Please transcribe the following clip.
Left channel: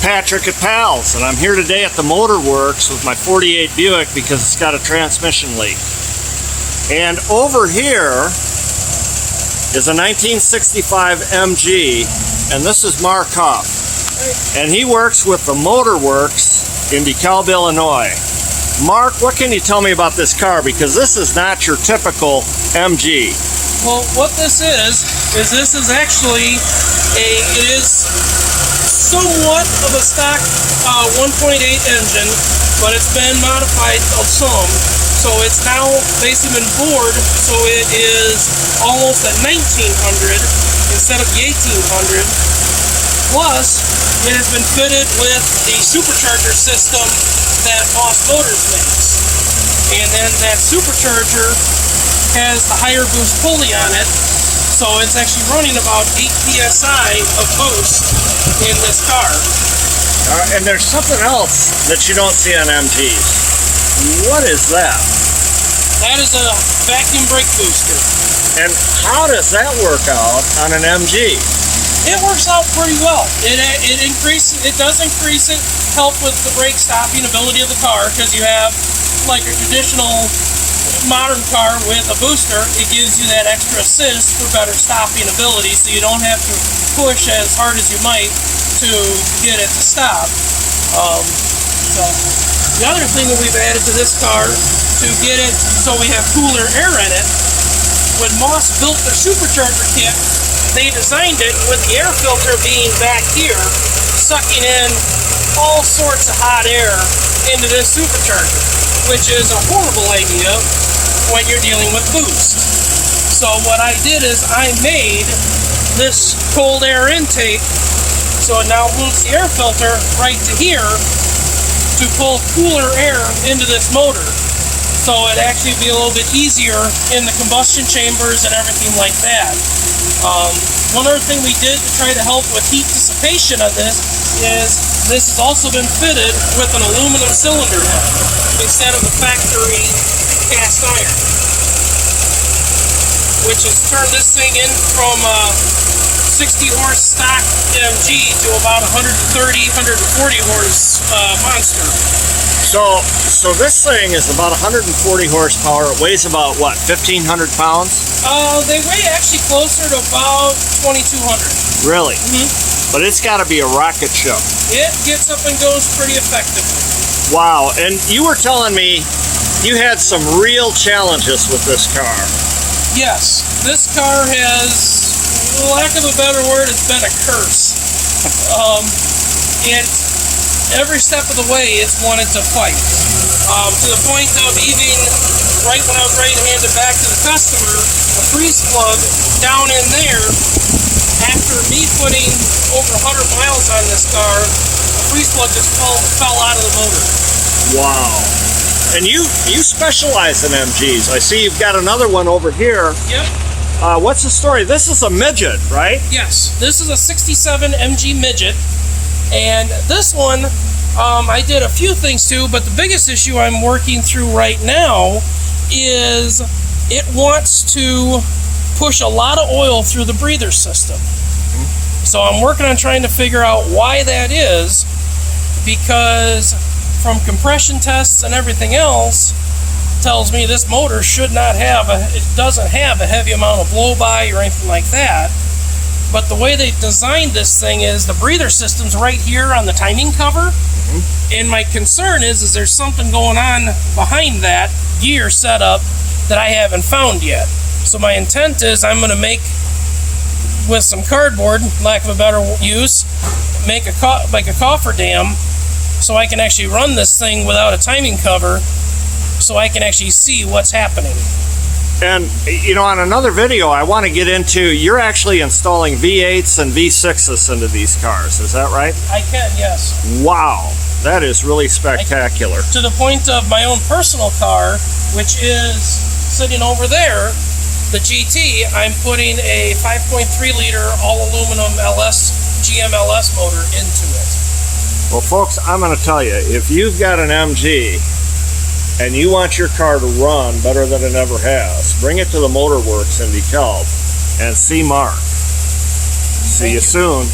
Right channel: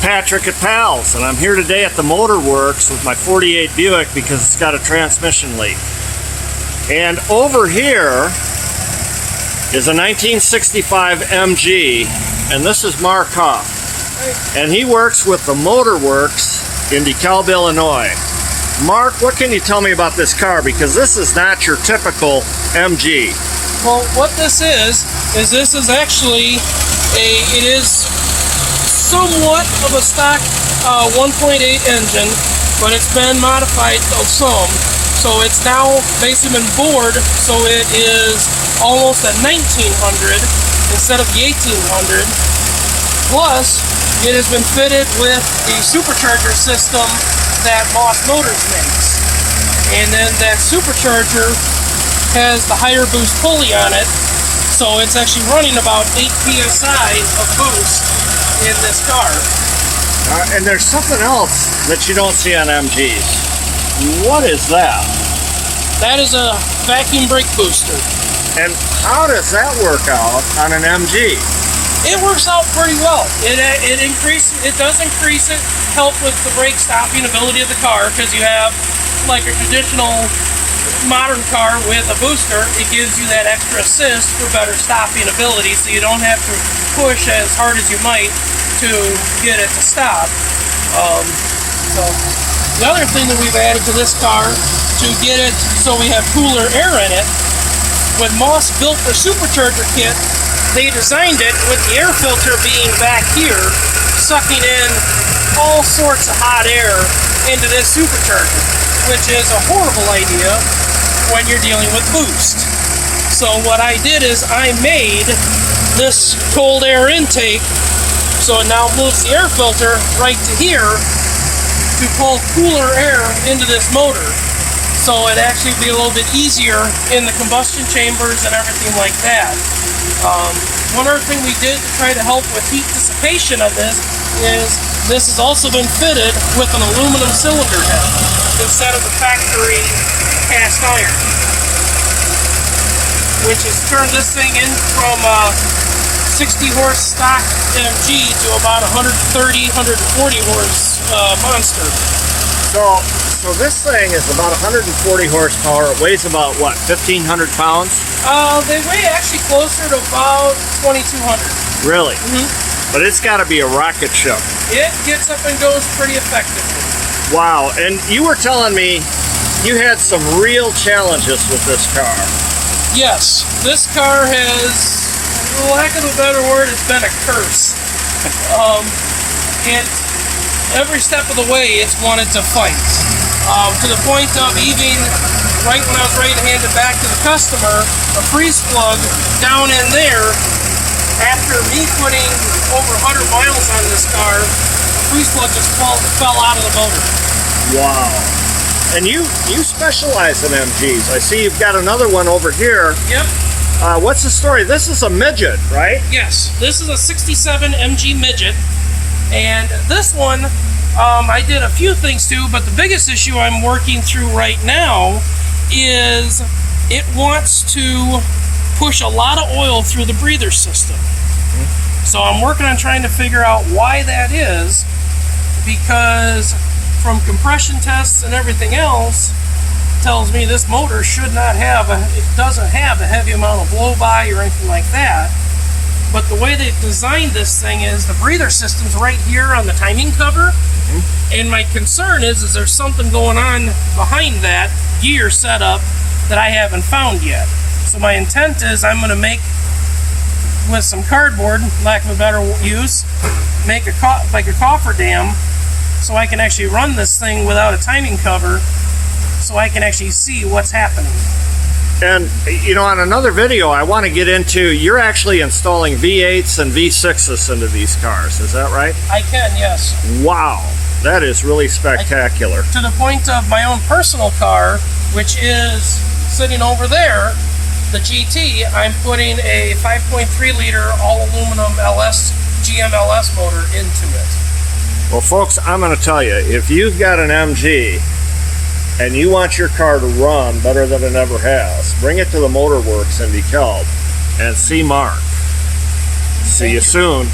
Patrick at Pals, and I'm here today at the Motor Works with my 48 Buick because it's got a transmission leak. And over here is a 1965 MG, and this is Mark Huff. And he works with the Motor Works in Dekalb, Illinois. Mark, what can you tell me about this car? Because this is not your typical MG. Well, what this is this is actually it is somewhat of a stock 1.8 engine, but it's been modified some. So it's now basically been bored, so it is almost at 1900 instead of the 1800. Plus, it has been fitted with the supercharger system that Boss Motors makes. And then that supercharger has the higher boost pulley on it, so it's actually running about 8 psi of boost in this car. And there's something else that you don't see on MGs. What is that? That is a vacuum brake booster. And how does that work out on an MG? It works out pretty well. It does increase it, help with the brake stopping ability of the car, because you have like a traditional modern car with a booster. It gives you that extra assist for better stopping ability, so you don't have to push as hard as you might to get it to stop. So the other thing that we've added to this car to get it so we have cooler air in it, when Moss built the supercharger kit, they designed it with the air filter being back here, sucking in all sorts of hot air into this supercharger, which is a horrible idea when you're dealing with boost. So what I did is I made this cold air intake, so it now moves the air filter right to here to pull cooler air into this motor. So it actually be a little bit easier in the combustion chambers and everything like that. One other thing we did to try to help with heat dissipation on this is this has also been fitted with an aluminum cylinder head instead of the factory cast iron, which has turned this thing in from 60 horse stock MG to about 130, 140 horse monster. So this thing is about 140 horsepower. It weighs about, what, 1,500 pounds? They weigh actually closer to about 2,200. Really? Mm-hmm. But it's got to be a rocket ship. It gets up and goes pretty effectively. Wow, and you were telling me you had some real challenges with this car. Yes, this car has, for lack of a better word, it's been a curse. Every step of the way, it's wanted to fight. To the point of even, right when I was ready to hand it back to the customer, a freeze plug down in there, after me putting over 100 miles on this car, the freeze plug just fell out of the motor. Wow. And you specialize in MGs. I see you've got another one over here. Yep. What's the story? This is a midget, right? Yes, this is a 67 MG midget. And this one, I did a few things too, but the biggest issue I'm working through right now is it wants to push a lot of oil through the breather system. Mm-hmm. So I'm working on trying to figure out why that is, because from compression tests and everything else, tells me this motor should not have it doesn't have a heavy amount of blow-by or anything like that. But the way they designed this thing is the breather system's right here on the timing cover. Mm-hmm. And my concern is there's something going on behind that gear setup that I haven't found yet. So my intent is I'm going to make, with some cardboard, lack of a better use, make a cofferdam so I can actually run this thing without a timing cover, so I can actually see what's happening. And, you know, on another video, I want to get into, you're actually installing V8s and V6s into these cars. Is that right? I can, yes. Wow. That is really spectacular. To the point of my own personal car, which is sitting over there, the GT, I'm putting a 5.3 liter all aluminum GM LS motor into it. Well, folks, I'm going to tell you, if you've got an MG and you want your car to run better than it ever has, bring it to the Motor Works in Dekalb and see Mark. See you soon.